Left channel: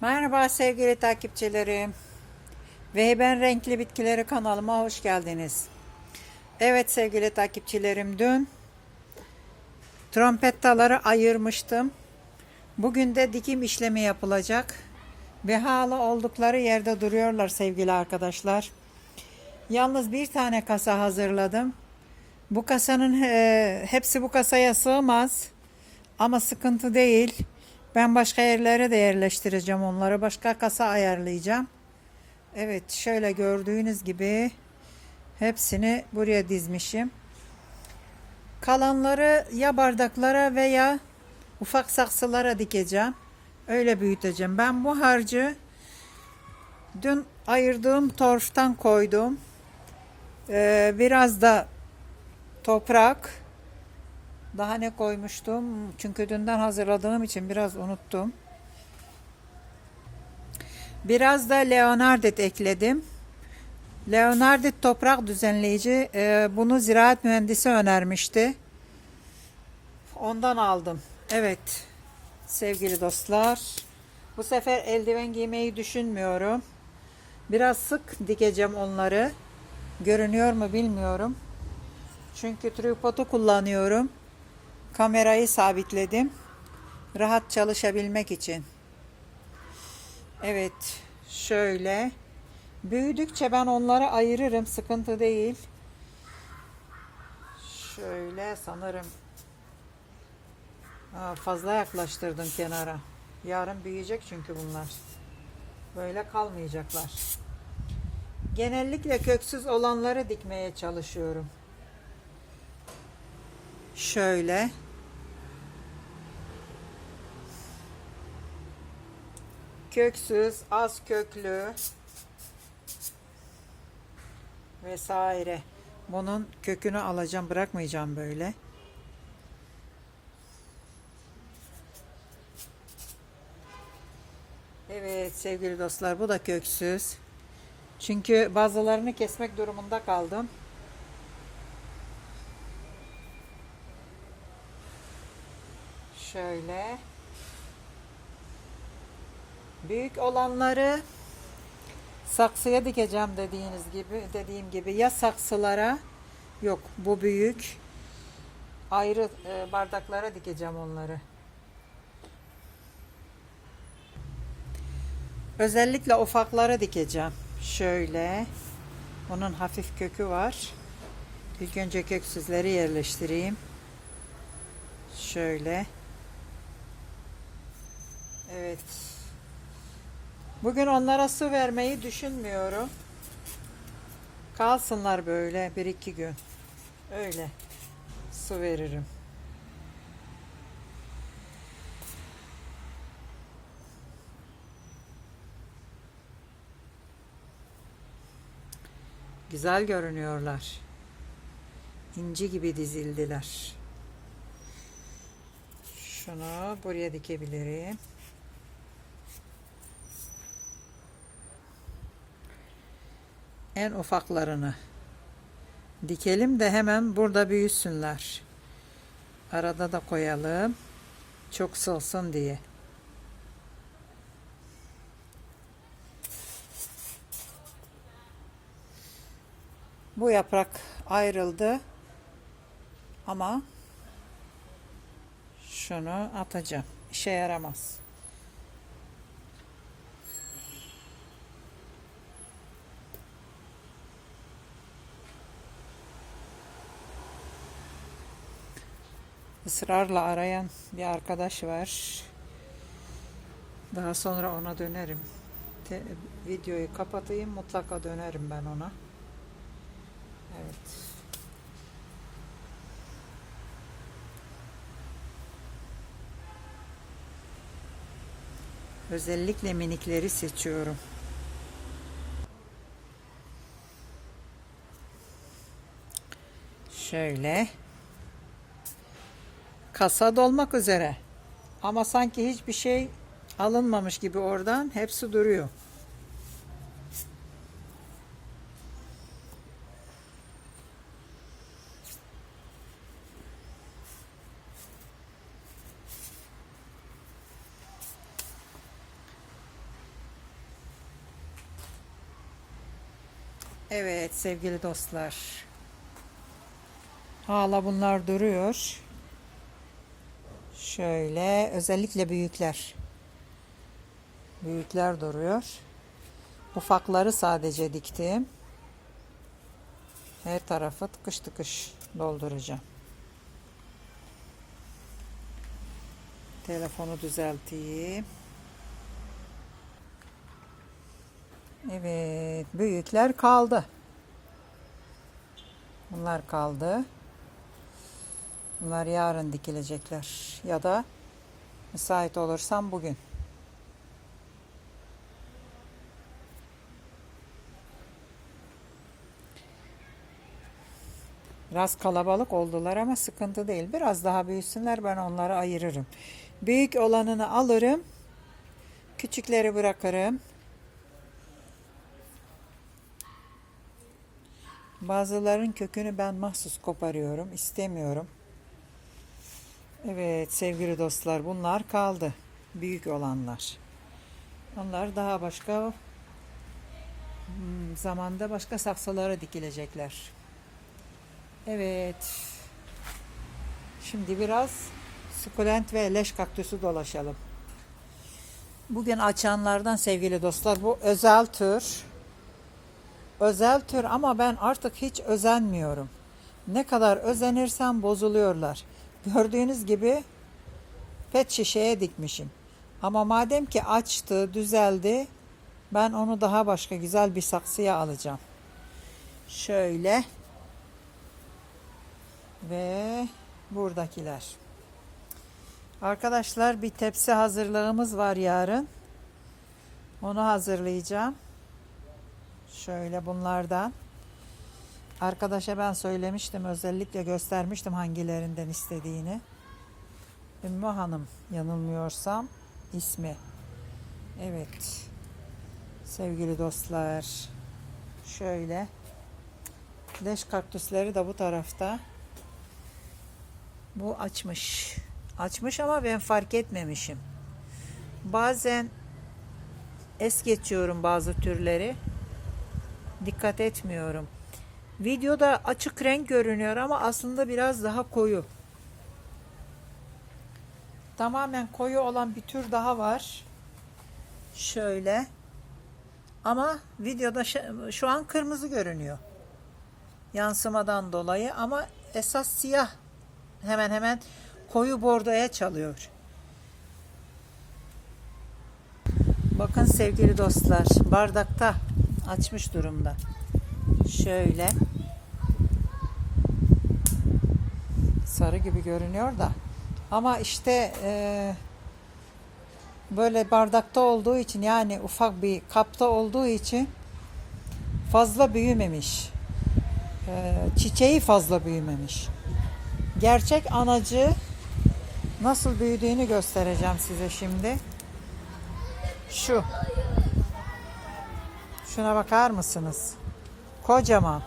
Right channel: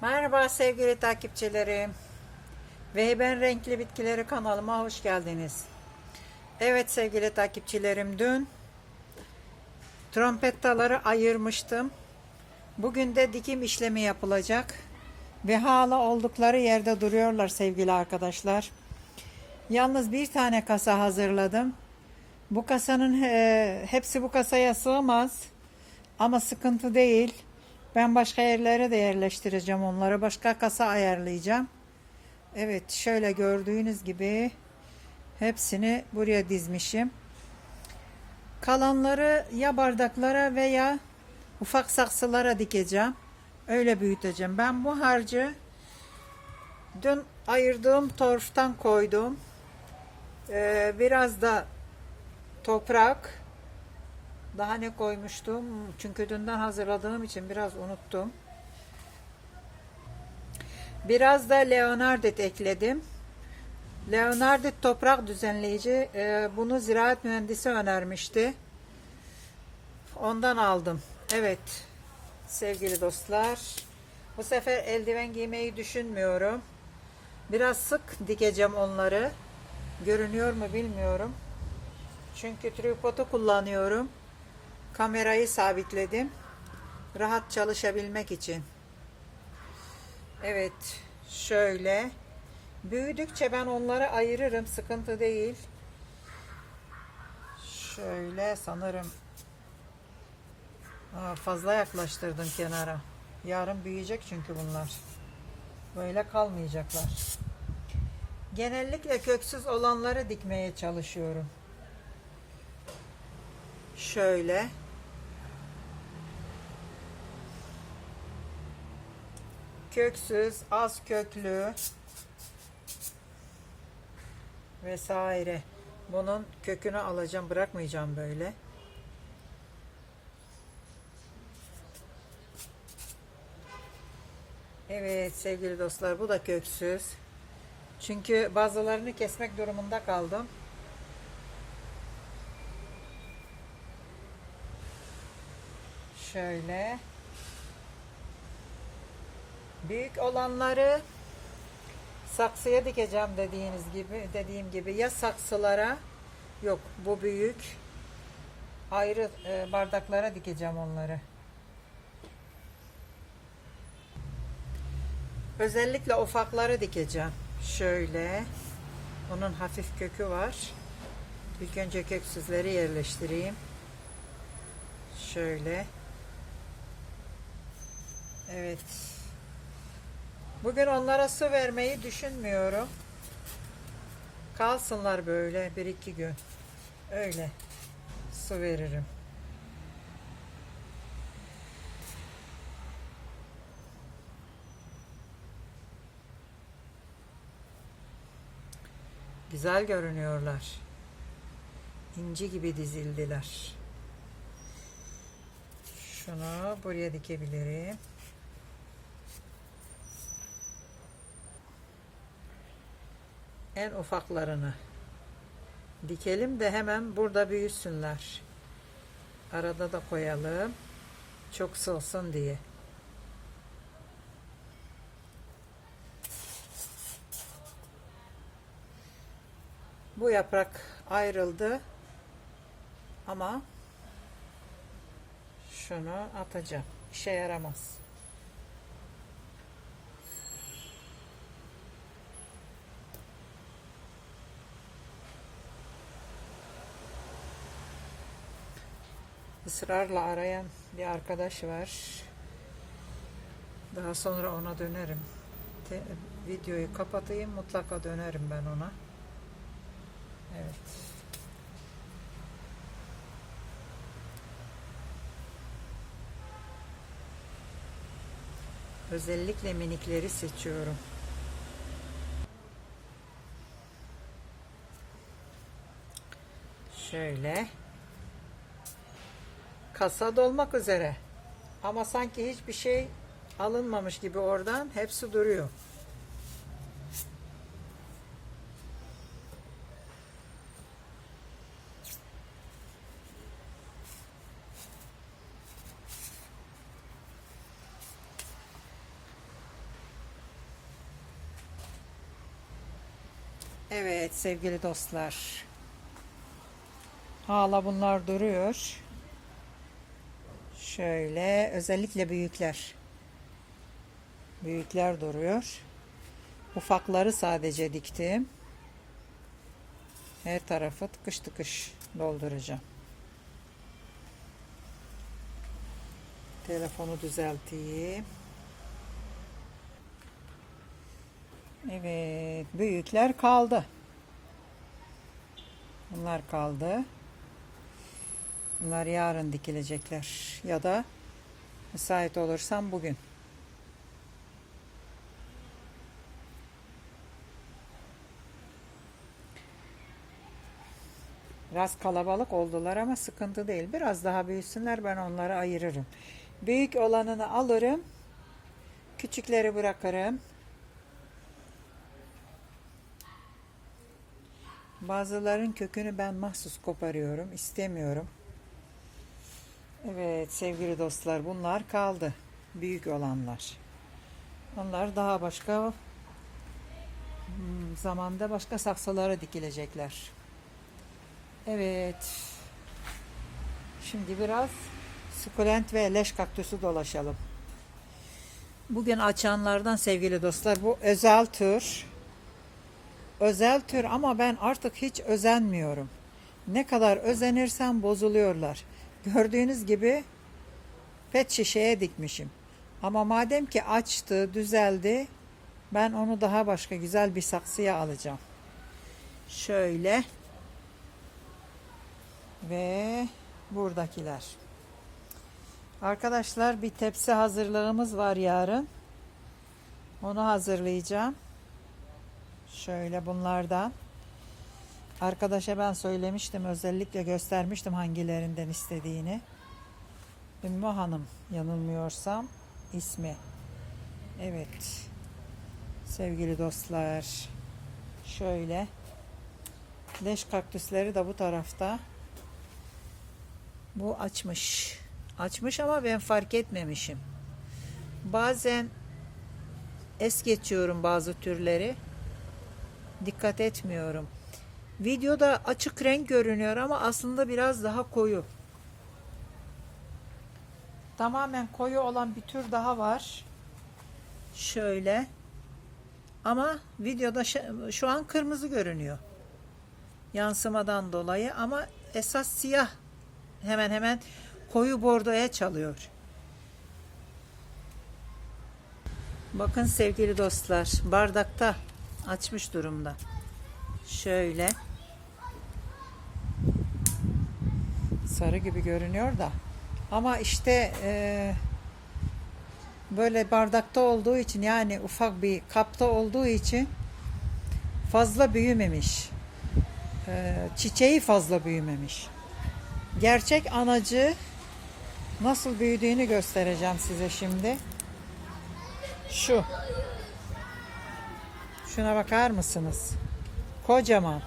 Merhaba sevgili takipçilerim. Ve ben Renkli Bitkileri kanalıma hoş geldiniz. Evet sevgili takipçilerim dün trompettaları ayırmıştım. Bugün de dikim işlemi yapılacak. Ve hala oldukları yerde duruyorlar sevgili arkadaşlar. Yalnız bir tane kasa hazırladım. Bu kasanın e, hepsi bu kasaya sığmaz. Ama sıkıntı değil. Ben başka yerlere de yerleştireceğim onları. Başka kasa ayarlayacağım. Evet şöyle gördüğünüz gibi hepsini buraya dizmişim. Kalanları ya bardaklara veya ufak saksılara dikeceğim. Öyle büyüteceğim. Ben bu harcı dün ayırdığım torftan koydum. Ee, biraz da toprak daha ne koymuştum? Çünkü dünden hazırladığım için biraz unuttum. Biraz da Leonardit ekledim. Leonardit toprak düzenleyici. Ee, bunu ziraat mühendisi önermişti. Ondan aldım. Evet. Sevgili dostlar. Bu sefer eldiven giymeyi düşünmüyorum. Biraz sık dikeceğim onları. Görünüyor mu bilmiyorum. Çünkü tripodu kullanıyorum. Kamerayı sabitledim. Rahat çalışabilmek için. Evet. Şöyle. Büyüdükçe ben onları ayırırım. Sıkıntı değil. Şöyle sanırım. Aa, fazla yaklaştırdım kenara. Yarın büyüyecek çünkü bunlar. Böyle kalmayacaklar. Genellikle köksüz olanları dikmeye çalışıyorum. Şöyle. Köksüz, az köklü vesaire. Bunun kökünü alacağım, bırakmayacağım böyle. Evet sevgili dostlar bu da köksüz. Çünkü bazılarını kesmek durumunda kaldım. Şöyle. Büyük olanları saksıya dikeceğim dediğiniz gibi dediğim gibi ya saksılara yok bu büyük ayrı e, bardaklara dikeceğim onları. Özellikle ufakları dikeceğim. Şöyle. Onun hafif kökü var. İlk önce köksüzleri yerleştireyim. Şöyle. Evet. Bugün onlara su vermeyi düşünmüyorum. Kalsınlar böyle bir iki gün. Öyle su veririm. Güzel görünüyorlar. İnci gibi dizildiler. Şunu buraya dikebilirim. En ufaklarını dikelim de hemen burada büyüsünler. Arada da koyalım. Çok solsun diye. Bu yaprak ayrıldı. Ama şunu atacağım. İşe yaramaz. Israrla arayan bir arkadaş var. Daha sonra ona dönerim. Te- videoyu kapatayım mutlaka dönerim ben ona. Evet. Özellikle minikleri seçiyorum. Şöyle kasa dolmak üzere. Ama sanki hiçbir şey alınmamış gibi oradan hepsi duruyor. Evet sevgili dostlar. Hala bunlar duruyor. Şöyle özellikle büyükler. Büyükler duruyor. Ufakları sadece diktim. Her tarafı tıkış tıkış dolduracağım. Telefonu düzelteyim. Evet, büyükler kaldı. Bunlar kaldı. Bunlar yarın dikilecekler ya da müsait olursam bugün. Biraz kalabalık oldular ama sıkıntı değil. Biraz daha büyüsünler ben onları ayırırım. Büyük olanını alırım. Küçükleri bırakırım. Bazıların kökünü ben mahsus koparıyorum. istemiyorum. Evet sevgili dostlar bunlar kaldı. Büyük olanlar. Onlar daha başka hmm, zamanda başka saksılara dikilecekler. Evet. Şimdi biraz sukulent ve leş kaktüsü dolaşalım. Bugün açanlardan sevgili dostlar bu özel tür. Özel tür ama ben artık hiç özenmiyorum. Ne kadar özenirsem bozuluyorlar. Gördüğünüz gibi pet şişeye dikmişim. Ama madem ki açtı, düzeldi, ben onu daha başka güzel bir saksıya alacağım. Şöyle ve buradakiler. Arkadaşlar bir tepsi hazırlığımız var yarın. Onu hazırlayacağım. Şöyle bunlardan. Arkadaşa ben söylemiştim özellikle göstermiştim hangilerinden istediğini. Ümmü Hanım yanılmıyorsam ismi. Evet. Sevgili dostlar. Şöyle. Leş kaktüsleri de bu tarafta. Bu açmış. Açmış ama ben fark etmemişim. Bazen es geçiyorum bazı türleri. Dikkat etmiyorum. Videoda açık renk görünüyor ama aslında biraz daha koyu. Tamamen koyu olan bir tür daha var. Şöyle. Ama videoda şu an kırmızı görünüyor. Yansımadan dolayı ama esas siyah. Hemen hemen koyu bordoya çalıyor. Bakın sevgili dostlar bardakta açmış durumda. Şöyle sarı gibi görünüyor da ama işte e, böyle bardakta olduğu için yani ufak bir kapta olduğu için fazla büyümemiş. E, çiçeği fazla büyümemiş. Gerçek anacı nasıl büyüdüğünü göstereceğim size şimdi. Şu. Şuna bakar mısınız? Kocaman.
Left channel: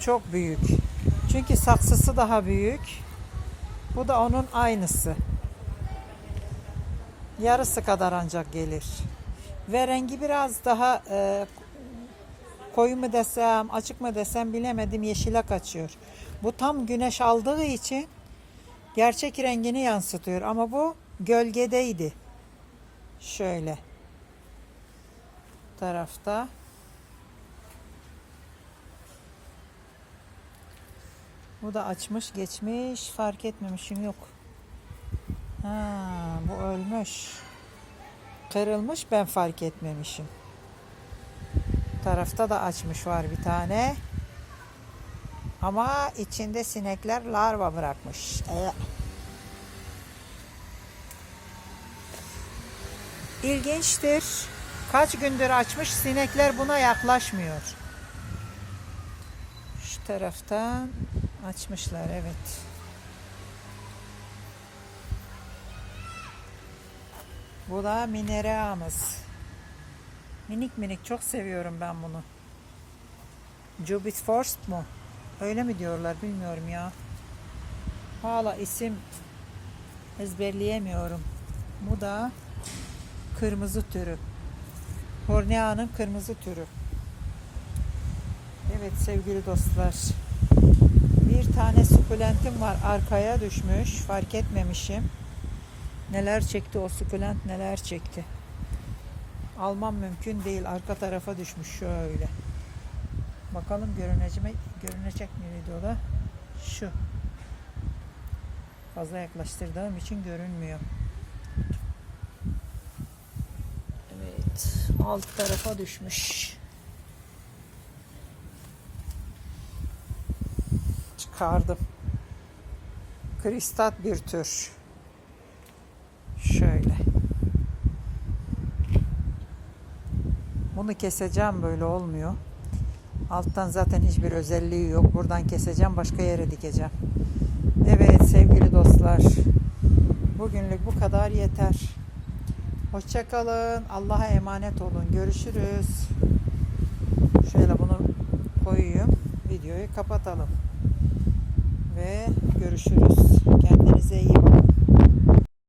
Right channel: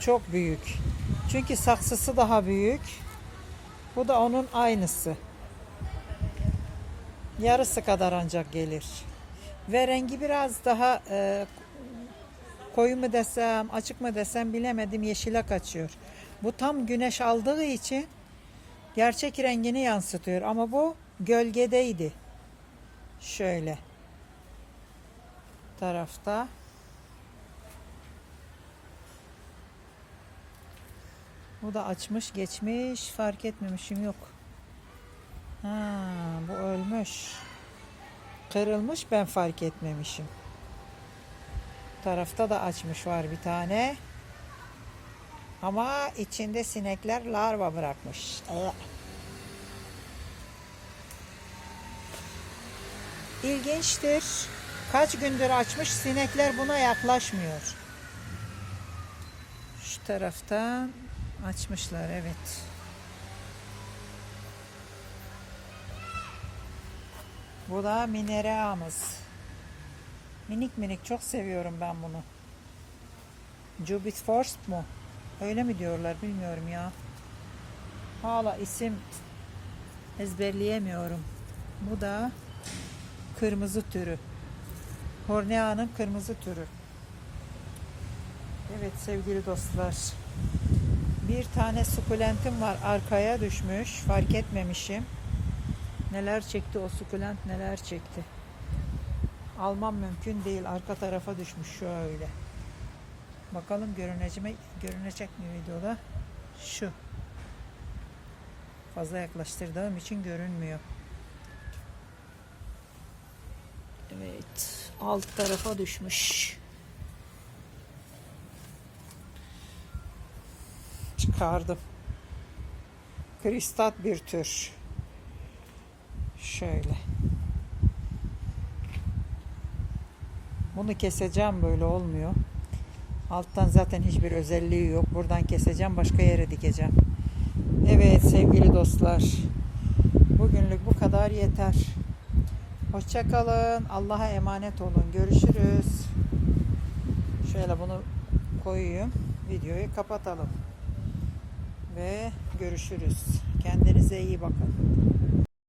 Çok büyük. Çünkü saksısı daha büyük. Bu da onun aynısı. Yarısı kadar ancak gelir. Ve rengi biraz daha e, koyu mu desem, açık mı desem bilemedim yeşile kaçıyor. Bu tam güneş aldığı için gerçek rengini yansıtıyor ama bu gölgedeydi. Şöyle tarafta Bu da açmış geçmiş fark etmemişim yok. Ha, bu ölmüş. Kırılmış ben fark etmemişim. Tarafta da açmış var bir tane. Ama içinde sinekler larva bırakmış. Evet. İlginçtir. Kaç gündür açmış sinekler buna yaklaşmıyor. Şu taraftan açmışlar evet. Bu da minereamız. Minik minik çok seviyorum ben bunu. Jubit Forst mu? Öyle mi diyorlar bilmiyorum ya. Hala isim ezberleyemiyorum. Bu da kırmızı türü. Hornea'nın kırmızı türü. Evet sevgili dostlar. Bir tane sukulentim var arkaya düşmüş. Fark etmemişim. Neler çekti o sukulent neler çekti. Almam mümkün değil. Arka tarafa düşmüş şöyle. Bakalım görünecek görünecek mi videoda? Şu. Fazla yaklaştırdığım için görünmüyor. Evet. Alt tarafa düşmüş. Çıkardım. Kristat bir tür. Şöyle. Bunu keseceğim böyle olmuyor. Alttan zaten hiçbir özelliği yok. Buradan keseceğim başka yere dikeceğim. Evet sevgili dostlar. Bugünlük bu kadar yeter. Hoşçakalın. Allah'a emanet olun. Görüşürüz. Şöyle bunu koyayım. Videoyu kapatalım. Ve görüşürüz. Kendinize iyi bakın.